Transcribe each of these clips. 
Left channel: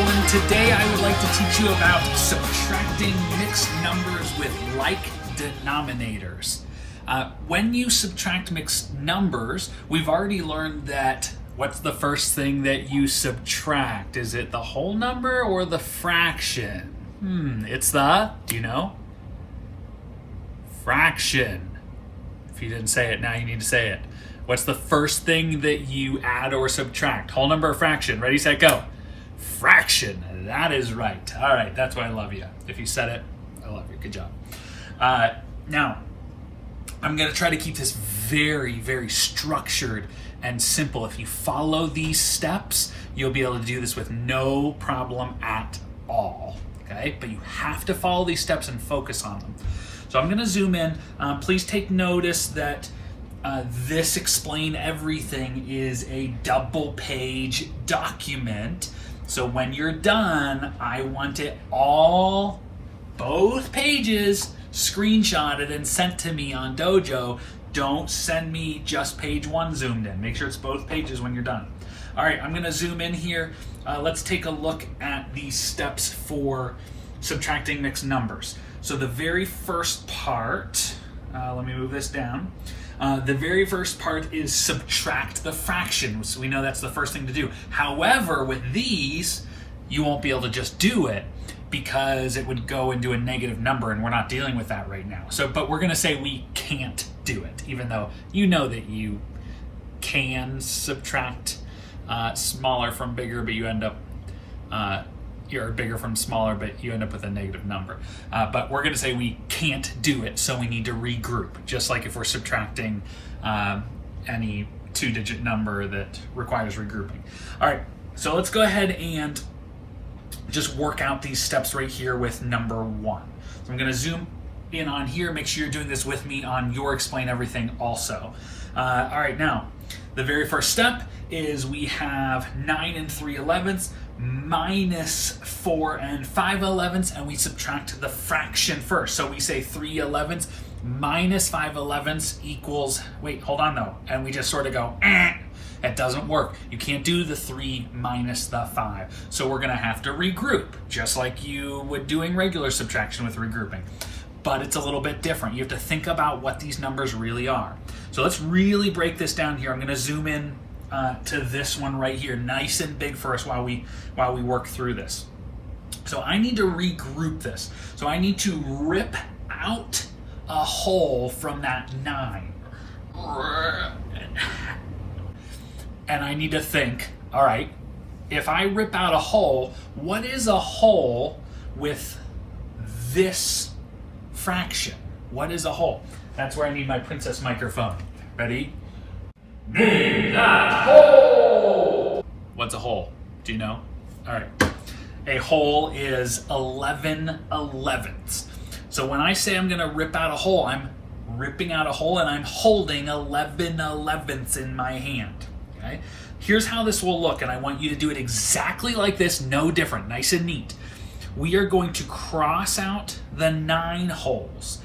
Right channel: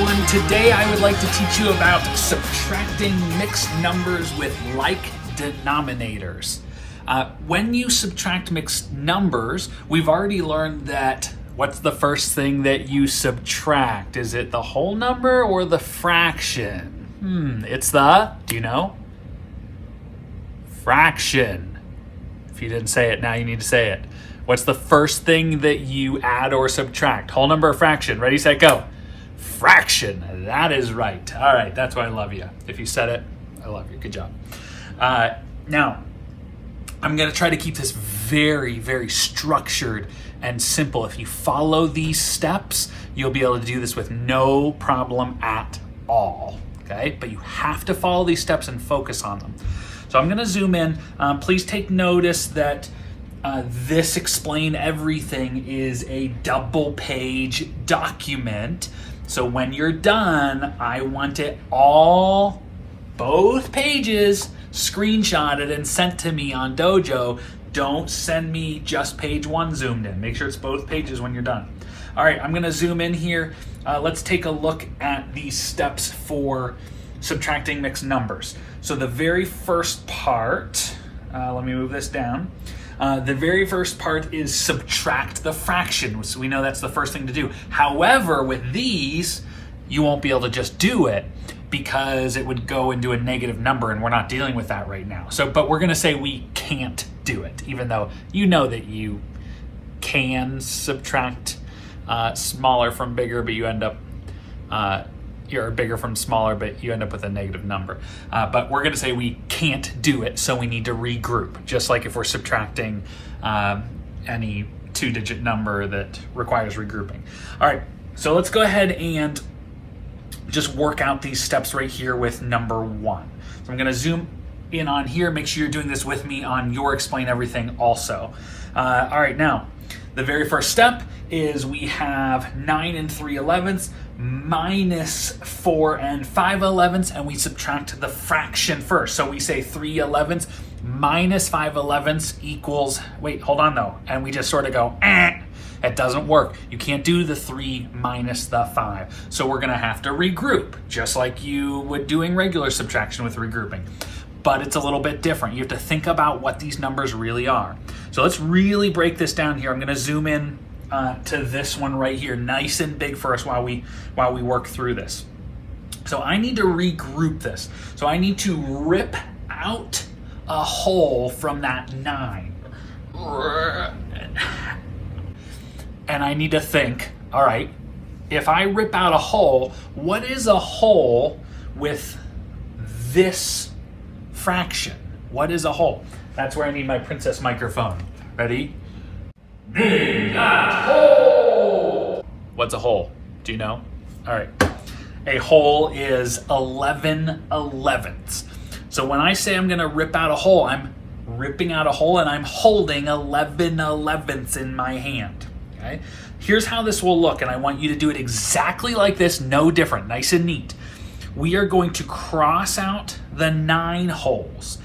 everyone. Today I would like to teach you about subtracting mixed numbers with like denominators. When you subtract mixed numbers, we've already learned that what's the first thing that you subtract? Is it the whole number or the fraction? It's the, do you know? Fraction. If you didn't say it, now you need to say it. What's the first thing that you add or subtract? Whole number or fraction? Ready, set, go. Fraction. That is right. All right, that's why I love you. If you said it, I love you. Good job. Now, I'm going to try to keep this very, very structured and simple. If you follow these steps, you'll be able to do this with no problem at all. Okay? But you have to follow these steps and focus on them. So I'm going to zoom in. Please take notice that this Explain Everything is a double-page document. So when you're done, I want it all, both pages, screenshotted and sent to me on Dojo. Don't send me just page one zoomed in. Make sure it's both pages when you're done. All right, I'm going to zoom in here. Let's take a look at these steps for subtracting mixed numbers. So the very first part, let me move this down. The very first part is subtract the fraction. So we know that's the first thing to do. However, with these, you won't be able to just do it because it would go into a negative number, and we're not dealing with that right now. So, but we're going to say we can't do it, even though you know that you can subtract smaller from bigger, but you end up you're bigger from smaller, but you end up with a negative number. But we're going to say we can't do it, so we need to regroup, just like if we're subtracting any two-digit number that requires regrouping. All right, so let's go ahead and just work out these steps right here with number one. So I'm going to zoom in on here. Make sure you're doing this with me on your Explain Everything also. All right, now, the very first step is we have 9 and 3/11 minus 4 and 5/11, and we subtract the fraction first. So we say 3/11 minus 5/11 equals, wait, hold on though, and we just sort of go, It doesn't work. You can't do the 3 minus the 5. So we're going to have to regroup, just like you would doing regular subtraction with regrouping. But it's a little bit different. You have to think about what these numbers really are. So let's really break this down here. I'm going to zoom in to this one right here, nice and big for us while we work through this. So I need to regroup this. So I need to rip out a hole from that 9. And I need to think, all right, if I rip out a hole, what is a hole with this fraction? What is a hole? That's where I need my princess microphone. Ready? Name that hole! What's a hole? Do you know? All right. A hole is 11/11. So when I say I'm going to rip out a hole, I'm ripping out a hole and I'm holding 11/11 in my hand. Okay? Here's how this will look, and I want you to do it exactly like this, no different, nice and neat. We are going to cross out the 9 holes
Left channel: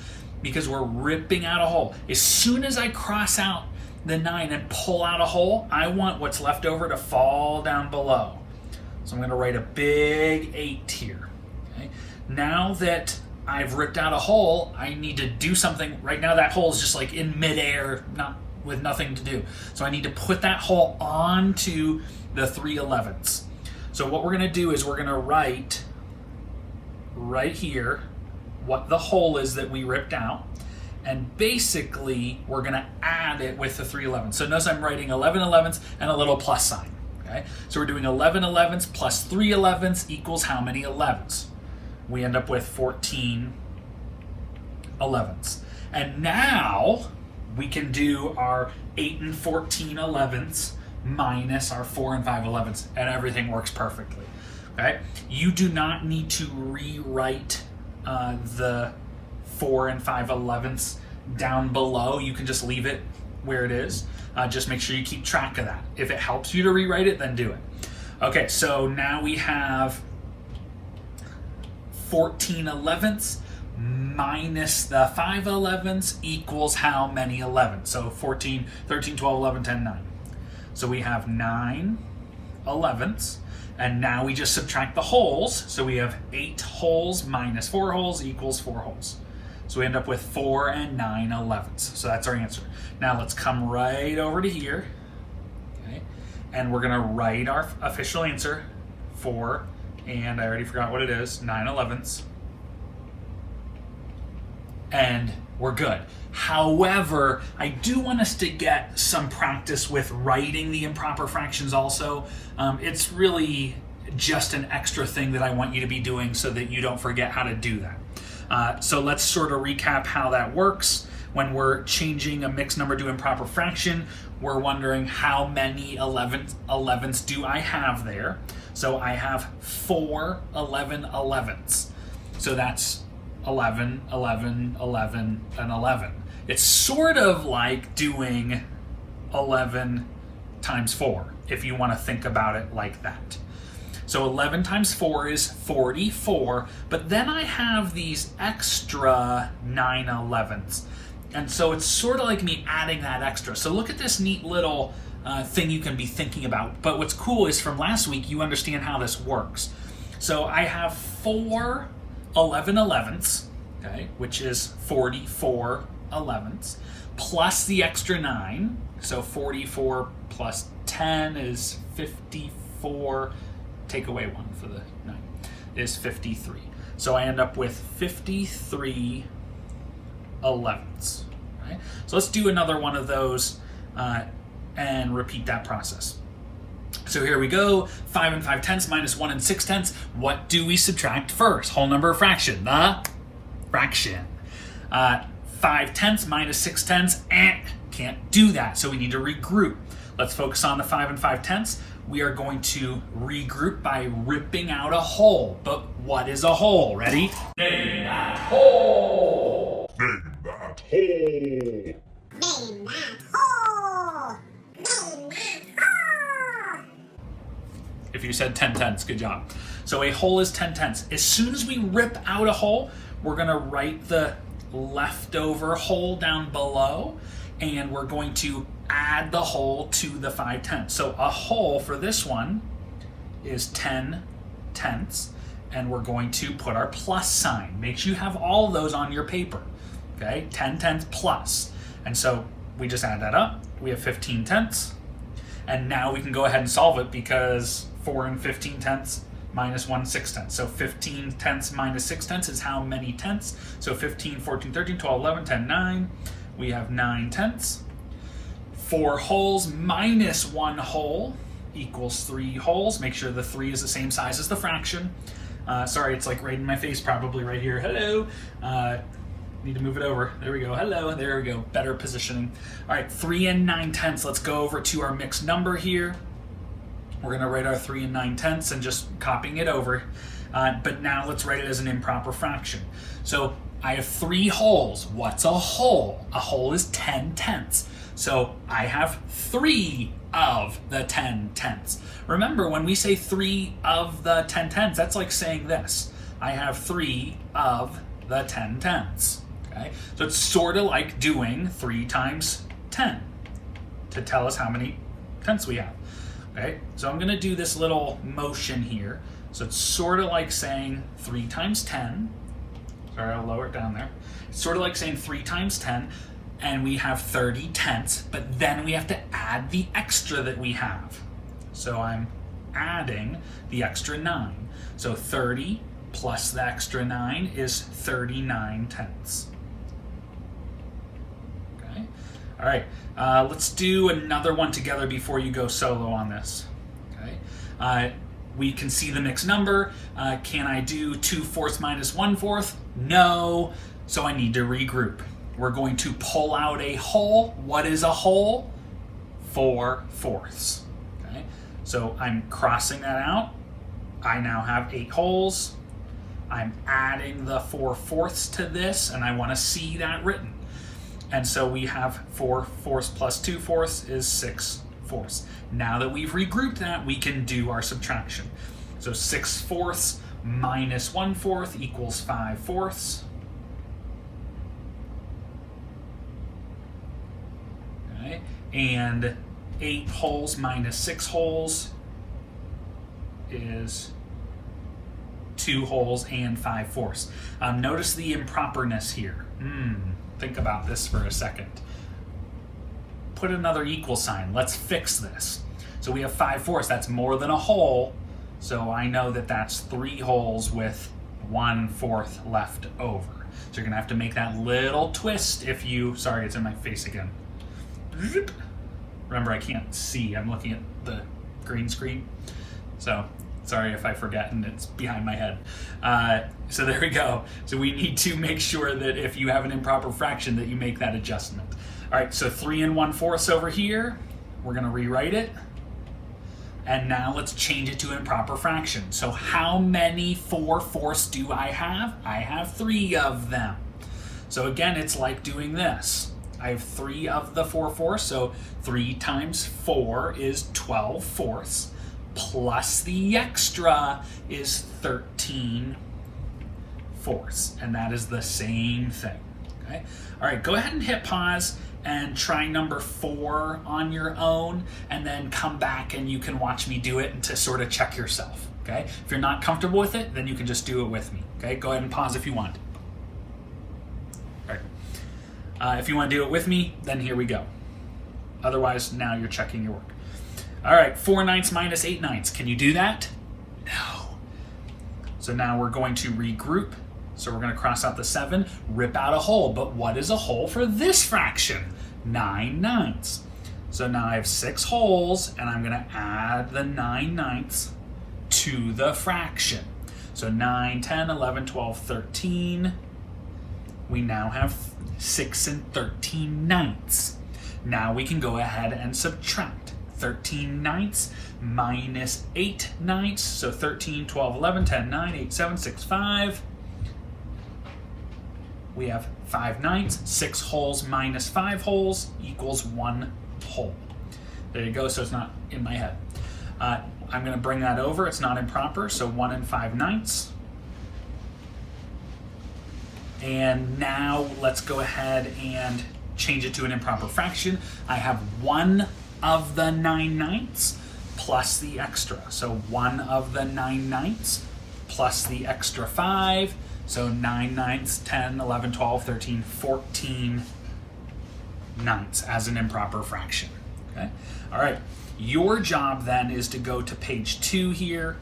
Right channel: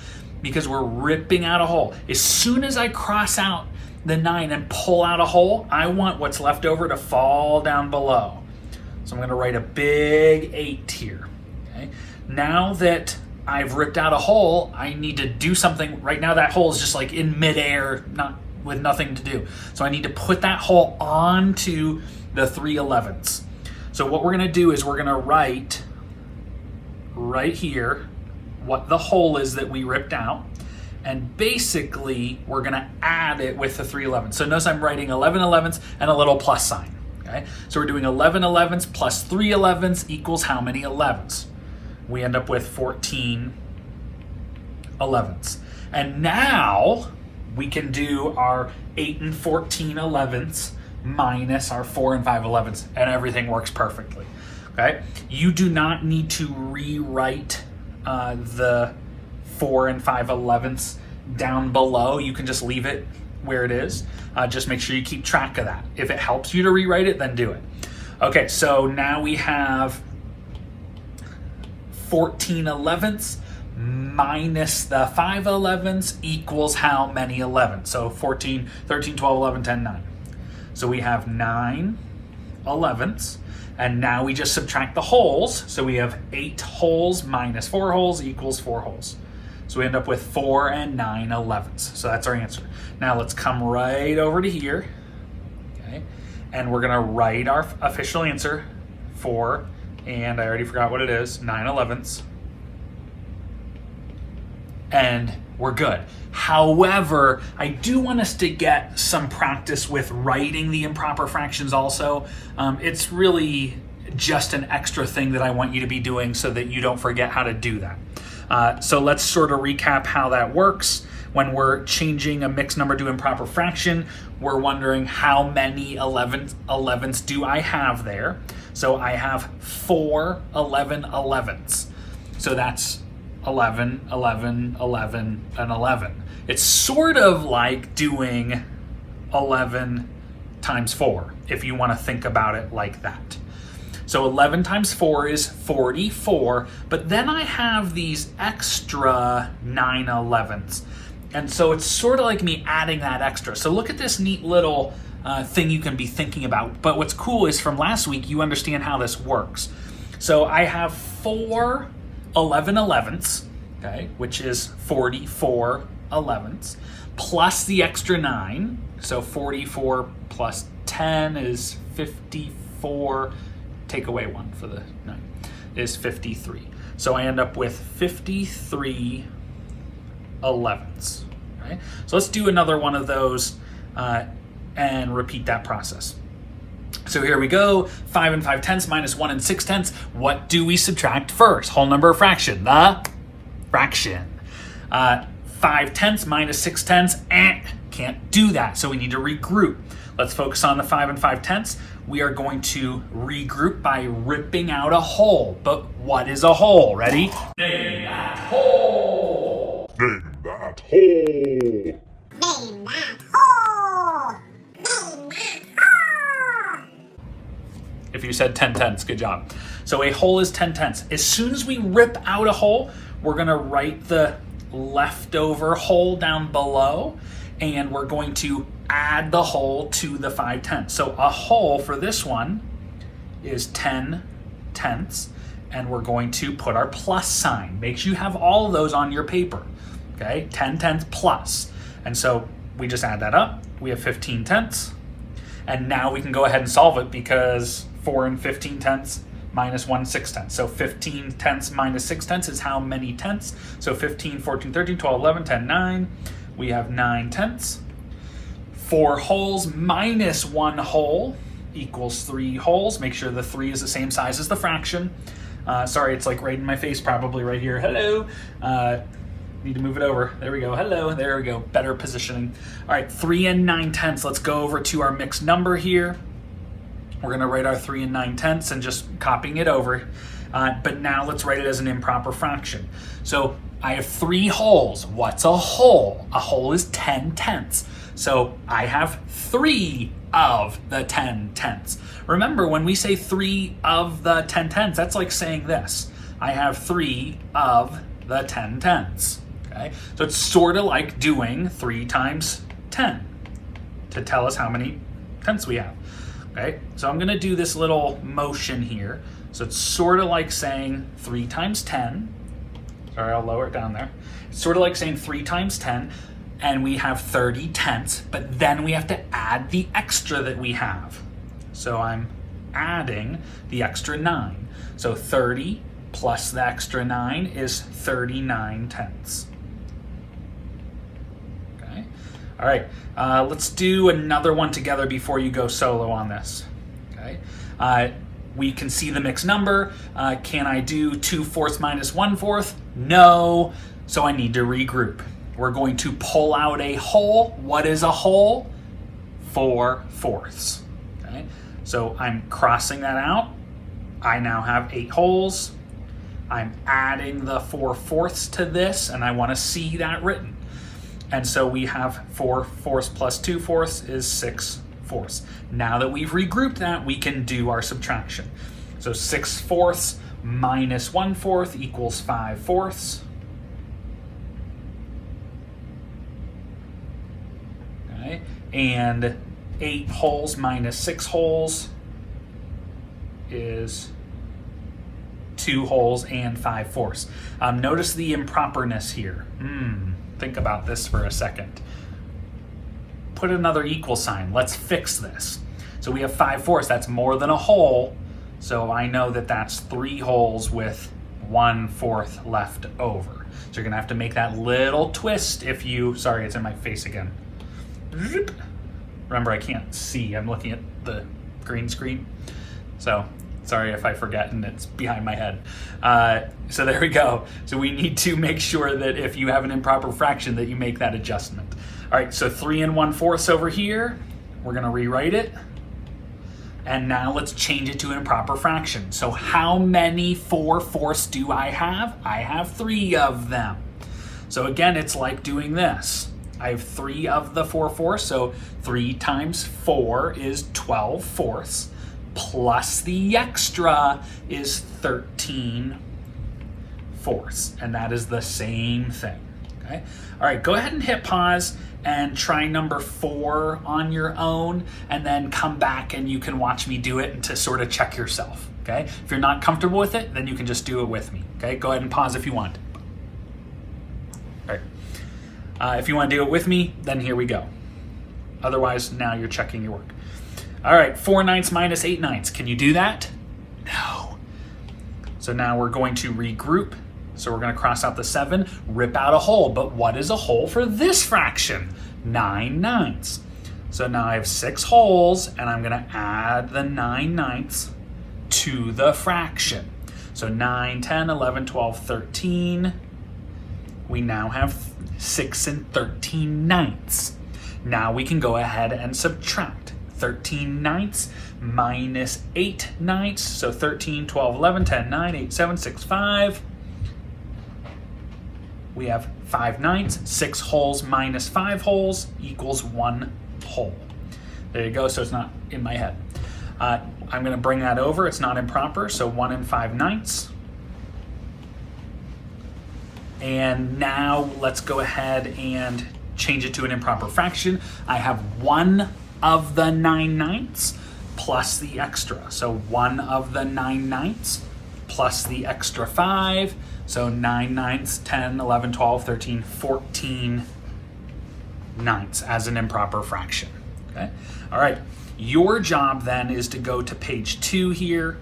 because we're ripping out a hole. As soon as I cross out the 9 and pull out a hole, I want what's left over to fall down below. So I'm going to write a big 8 here. Okay? Now that I've ripped out a hole, I need to do something. Right now that hole is just like in midair, with nothing to do. So I need to put that hole onto the 3/11. So what we're going to do is we're going to write right here what the hole is that we ripped out. And basically, we're going to add it with the 3/11. So notice I'm writing 11/11 and a little plus sign. Okay? So we're doing 11/11 plus 3/11 equals how many 11s? We end up with 14/11. And now we can do our 8 and 14/11 minus our 4 and 5/11, and everything works perfectly. Okay? You do not need to rewrite the 4 and 5/11 down below. You can just leave it where it is. Just make sure you keep track of that. If it helps you to rewrite it, then do it. Okay, so now we have 14/11 minus the 5/11 equals how many 11? So 14, 13, 12, 11, 10, 9. So we have 9 elevenths. And now we just subtract the wholes. So we have 8 wholes minus 4 wholes equals 4 wholes. So we end up with 4 and 9 elevenths. So that's our answer. Now let's come right over to here. Okay. And we're gonna write our official answer, 4, and I already forgot what it is, 9 elevenths. And we're good. However, I do want us to get some practice with writing the improper fractions also. It's really just an extra thing that I want you to be doing so that you don't forget how to do that. So let's sort of recap how that works. When we're changing a mixed number to improper fraction, we're wondering how many elevenths do I have there. So I have 4 11 elevenths. So that's 11, 11, 11, and 11. It's sort of like doing 11 times 4, if you want to think about it like that. So 11 times 4 is 44, but then I have these extra 9 elevenths. And so it's sort of like me adding that extra. So look at this neat little thing you can be thinking about. But what's cool is from last week, you understand how this works. So I have 4 11 elevenths, okay, which is 44 elevenths, plus the extra 9. So 44 plus 10 is 54. Take away 1 for the 9, is 53. So I end up with 53 elevenths. Okay? So let's do another one of those and repeat that process. So here we go, 5 and 5/10 minus 1 and 6/10. What do we subtract first? Whole number or fraction? The fraction. 5/10 minus 6/10, can't do that, so we need to regroup. Let's focus on the 5 and 5/10. We are going to regroup by ripping out a whole. But what is a whole? Ready? Name that whole! Name that hole! Name that hole! Name that hole! If you said 10/10, good job. So a whole is 10/10. As soon as we rip out a whole, we're gonna write the leftover whole down below, and we're going to add the whole to the 5/10. So a whole for this one is 10/10, and we're going to put our plus sign. Make sure you have all of those on your paper, okay? 10/10 plus. And so we just add that up. We have 15/10, and now we can go ahead and solve it because 4 and 15/10 minus 1 6/10. So 15/10 minus 6/10 is how many tenths? So 15, 14, 13, 12, 11, 10, 9. We have 9/10. 4 wholes minus 1 whole equals 3 wholes. Make sure the 3 is the same size as the fraction. Sorry, it's like right in my face probably right here. Hello. Need to move it over. There we go. Hello. There we go. Better positioning. All right, 3 and 9/10. Let's go over to our mixed number here. We're going to write our 3 and 9/10 and just copying it over. But now let's write it as an improper fraction. So I have 3 wholes. What's a whole? A whole is 10/10. So I have 3 of the 10/10. Remember, when we say 3 of the 10/10, that's like saying this. I have 3 of the 10/10. Okay? So it's sort of like doing 3 times 10 to tell us how many tenths we have. Okay? So I'm going to do this little motion here. So it's sort of like saying 3 times 10. Sorry, I'll lower it down there. It's sort of like saying 3 times 10, and we have 30 tenths, but then we have to add the extra that we have. So I'm adding the extra 9. So 30 plus the extra 9 is 39 tenths. Okay. All right. Let's do another one together before you go solo on this. Okay. We can see the mixed number. Can I do 2/4 minus 1/4? No. So I need to regroup. We're going to pull out a whole. What is a whole? 4/4. Okay. So I'm crossing that out. I now have 8 wholes. I'm adding the 4/4 to this, and I want to see that written. And so we have 4/4 plus 2/4 is 6/4. Now that we've regrouped that, we can do our subtraction. So 6/4 minus 1/4 equals 5/4. Okay, and 8 wholes minus 6 wholes is 2 wholes and 5/4. Notice the improperness here. Think about this for a second. Put another equal sign. Let's fix this. So we have 5/4. That's more than a whole. So I know that that's 3 wholes with 1/4 left over. So you're gonna have to make that little twist if you, sorry, it's in my face again. Remember, I can't see. I'm looking at the green screen. So sorry if I forget and it's behind my head. So there we go. So we need to make sure that if you have an improper fraction that you make that adjustment. All right, so 3 1/4 over here. We're gonna rewrite it. And now let's change it to an improper fraction. So how many 4/4 do I have? I have 3 of them. So again, it's like doing this. I have 3 of the 4/4, so 3 times 4 is 12/4, plus the extra is 13/4, and that is the same thing, okay? All right, go ahead and hit pause and try number 4 on your own, and then come back and you can watch me do it to sort of check yourself, okay? If you're not comfortable with it, then you can just do it with me, okay? Go ahead and pause if you want. All right. If you want to do it with me, then here we go. Otherwise, now you're checking your work. All right, 4/9 minus 8/9. Can you do that? No. So now we're going to regroup. So we're going to cross out the 7, rip out a whole. But what is a whole for this fraction? 9/9. So now I have 6 wholes, and I'm going to add the 9/9 to the fraction. So 9, 10, 11, 12, 13. We now have 6 13/9. Now we can go ahead and subtract. 13/9 minus 8/9. So 13, 12, 11, 10, 9, 8, 7, 6, 5. We have 5/9. 6 wholes minus 5 wholes equals 1 whole. There you go, so it's not in my head. I'm going to bring that over. It's not improper, so 1 5/9. And now let's go ahead and change it to an improper fraction. I have 1 of the 9/9 plus the extra. So 1 of the 9/9 plus the extra 5. So 9/9, 10, 11, 12, 13, 14/9 as an improper fraction. Okay. All right. Your job then is to go to page 2 here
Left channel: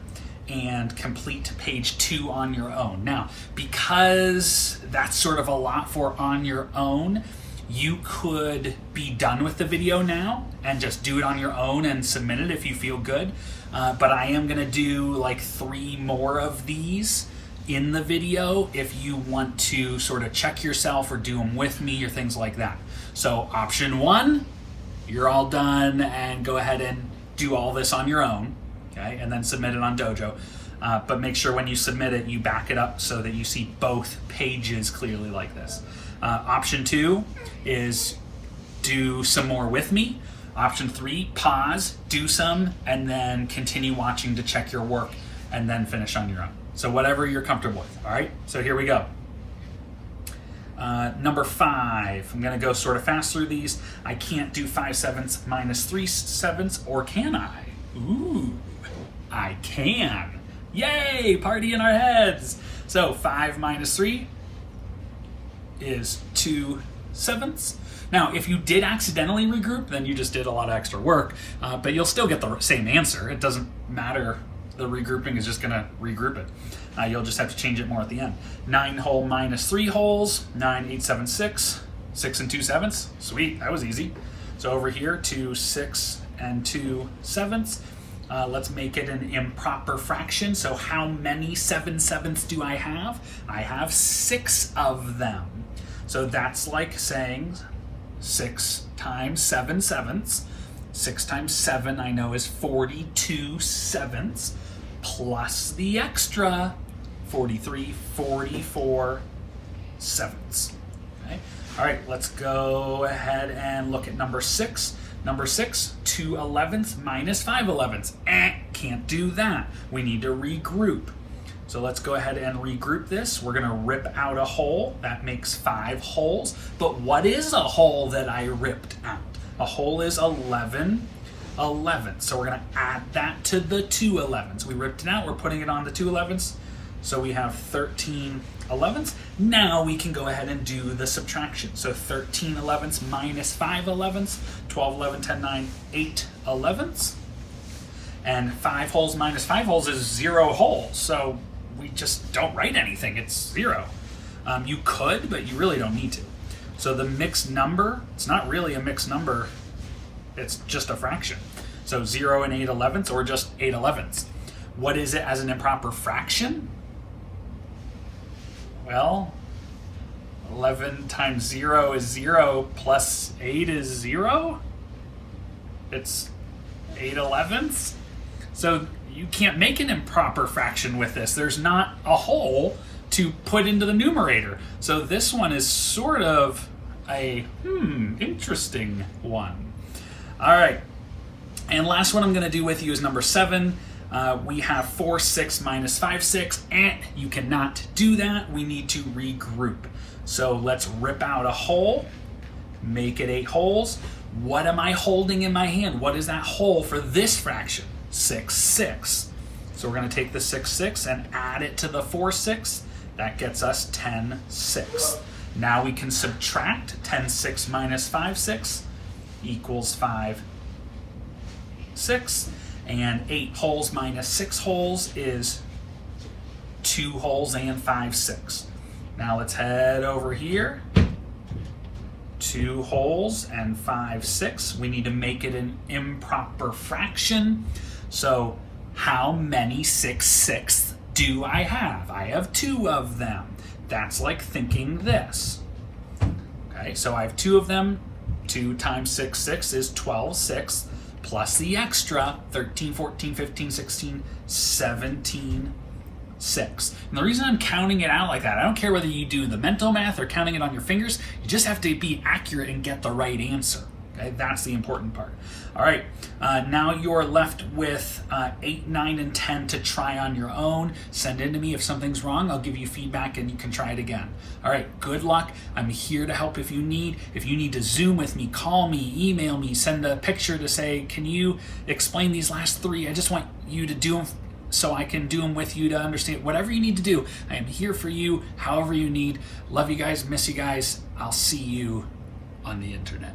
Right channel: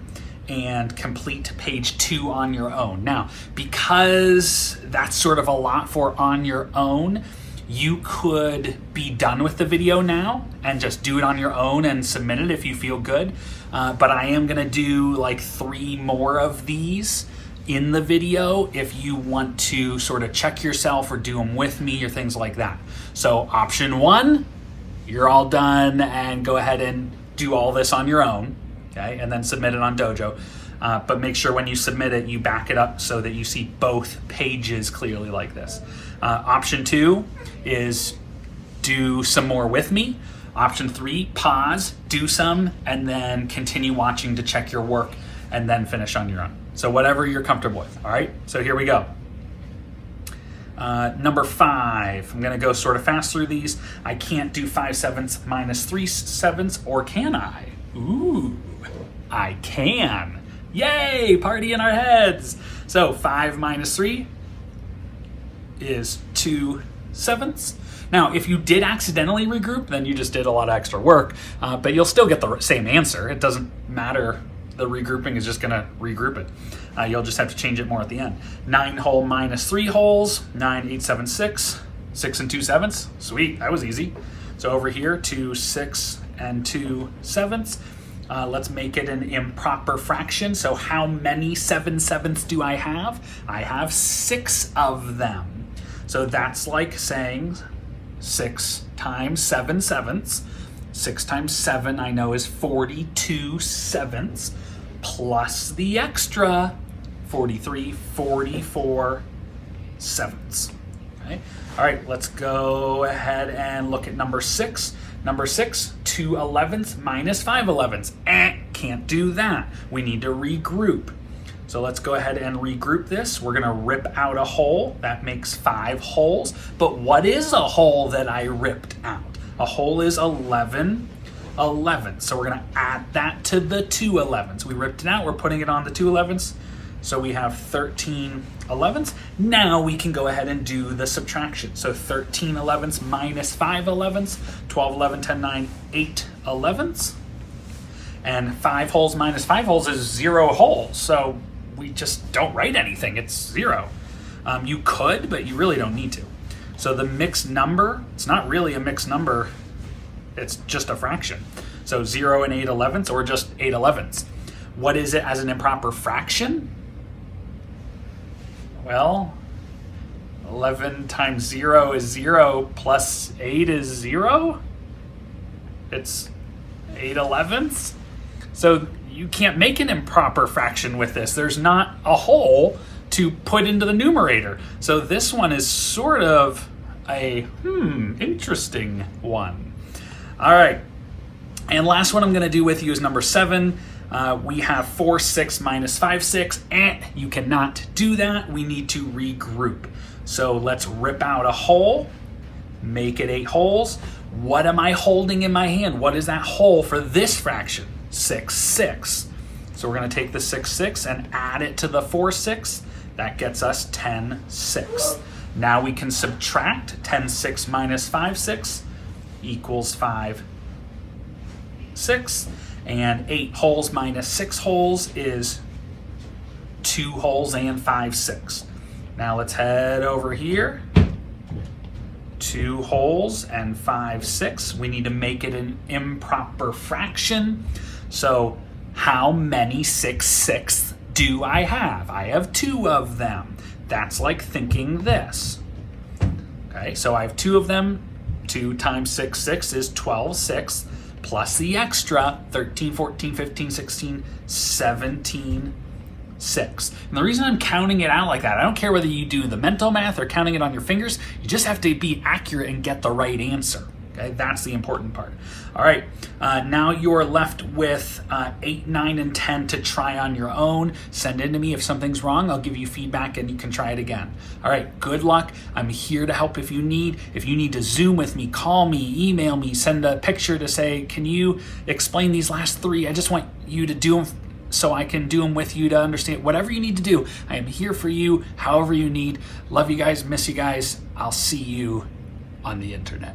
and complete page 2 on your own. Now, because that's sort of a lot for on your own, you could be done with the video now and just do it on your own and submit it if you feel good. But I am gonna do like 3 more of these in the video if you want to sort of check yourself or do them with me or things like that. So option 1, you're all done and go ahead and do all this on your own, okay? And then submit it on Dojo. But make sure when you submit it, you back it up so that you see both pages clearly like this. Option 2 is do some more with me. Option 3, pause, do some, and then continue watching to check your work and then finish on your own. So whatever you're comfortable with, all right? So here we go. Number 5, I'm gonna go sort of fast through these. I can't do 5/7 minus 3/7, or can I? Ooh, I can. Yay, party in our heads. So 5 minus 3 is 2/7. Now, if you did accidentally regroup, then you just did a lot of extra work, but you'll still get the same answer. It doesn't matter. The regrouping is just gonna regroup it. You'll just have to change it more at the end. 9 whole minus 3 wholes, 9, 8, 7, 6, 6 2/7. Sweet, that was easy. So over here, 2, 6, and 2/7. Let's make it an improper fraction. So how many 7/7 do I have? I have 6 of them. So that's like saying 6 times 7/7. 6 times 7 I know is 42/7, plus the extra 43, 44/7. Okay. All right, let's go ahead and look at number 6. Number 6, 2/11 minus 5/11. Can't do that. We need to regroup. So let's go ahead and regroup this. We're gonna rip out a whole. That makes 5 wholes. But what is a whole that I ripped out? A whole is 11 11ths. So we're going to add that to the 2 11ths. We ripped it out. We're putting it on the 2 11ths. So we have 13 11ths. Now we can go ahead and do the subtraction. So 13 11ths minus 5 11ths, 12, 11, 10, 9, 8 11ths. And 5 wholes minus 5 wholes is 0 wholes. So we just don't write anything. It's 0. You could, but you really don't need to. So the mixed number, it's not really a mixed number. It's just a fraction. So 0 and 8 11ths, or just 8 11ths. What is it as an improper fraction? Well, 11 times 0 is 0 plus 8 is 0. It's 8 11ths. So you can't make an improper fraction with this. There's not a whole to put into the numerator. So this one is sort of a interesting one. All right. And last one I'm going to do with you is number 7. We have 4 6 minus 5 6, and you cannot do that. We need to regroup. So let's rip out a whole, make it 8 wholes. What am I holding in my hand? What is that whole for this fraction? 6 6. So we're going to take the 6 6 and add it to the 4 6. That gets us 10 6. Now we can subtract 10 6 minus 5 6 equals 5 6. And 8 wholes minus 6 wholes is 2 wholes and 5 6. Now let's head over here. 2 wholes and 5 6. We need to make it an improper fraction. So how many 6 6 do I have? I have 2 of them. That's like thinking this. Okay, so I have 2 of them. 2 times 6 6 is 12 6. Plus the extra 13, 14, 15, 16, 17, 6. And the reason I'm counting it out like that, I don't care whether you do the mental math or counting it on your fingers, you just have to be accurate and get the right answer. Okay, that's the important part. All right, now you're left with 8, 9, and 10 to try on your own. Send in to me if something's wrong. I'll give you feedback and you can try it again. All right, good luck. I'm here to help if you need. If you need to Zoom with me, call me, email me, send a picture to say, can you explain these last 3? I just want you to do them so I can do them with you to understand. Whatever you need to do, I am here for you, however you need. Love you guys, miss you guys. I'll see you on the internet.